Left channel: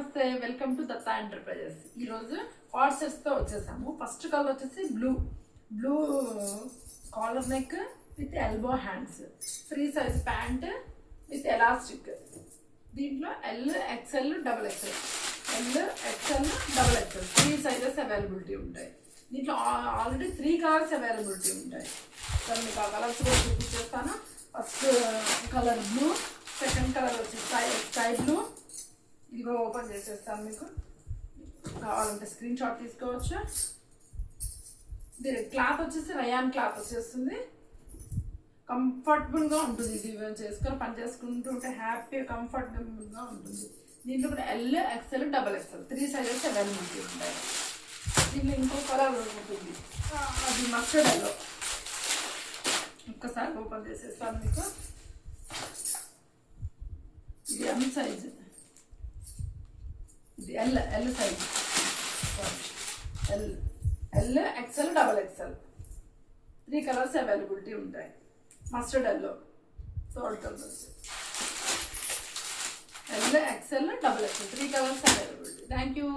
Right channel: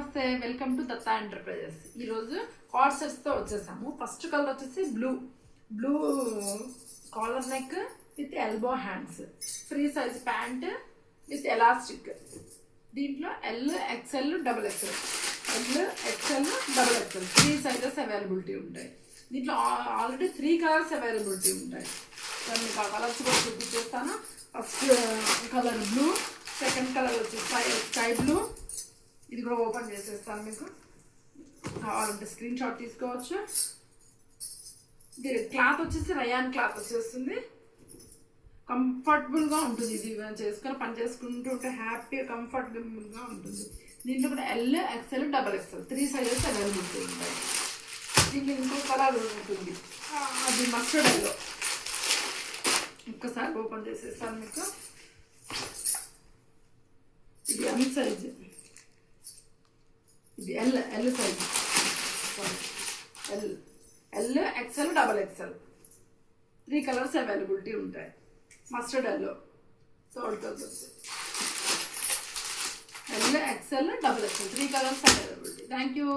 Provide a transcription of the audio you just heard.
నమస్తే, welcome to Datta enterprises. ఈరోజు coord సెట్స్తో వచ్చేసాము. ఫస్ట్ కలర్ వచ్చేసి blue collar neck with elbow hands, free size pant with elastic. దీంట్లో L XL double XL, three sizes availability ఉంటాయి. దీంట్లో ఆల్రెడీ 3 కలర్స్ అవైలబిలిటీ ఉంటాయి. సో మీకు ఆ కలర్స్ కూడా చూపించేస్తాను. First colour blue, second colour వచ్చి స్కై బ్లూ. ఇది కూడా ఓపెన్ చేసేస్తాను. మీకు కావాలంటే స్క్రీన్ షాట్ తీసుకోవచ్చు. ఇది క్లాత్ వచ్చేసి రయాన్ క్లాత్ వచ్చేస్తుంది. కంఫర్టబుల్గా ఉంటుంది. ఇది చేసుకొని పని చేసుకుంటూ ఉంటే హ్యాపీగా కంఫర్టబుల్గా ఉంటుంది. దీంట్లో కూడా L XL double XL 3 sizes availability ఉంటాయి. దీంట్లో ఇంకో కలర్ ఉంటుంది, అది మస్టర్డ్ ఎల్లో. ఒక్కసారి ఓపెన్ చేసేస్తాను మీకు. ఇది ఎల్ సైజ్, ఇది L size, L XL double XL 3 colours availability ఉంటాయి. Mustard yellow, salt colours, L XL double XL 3 colours availability. Thank you.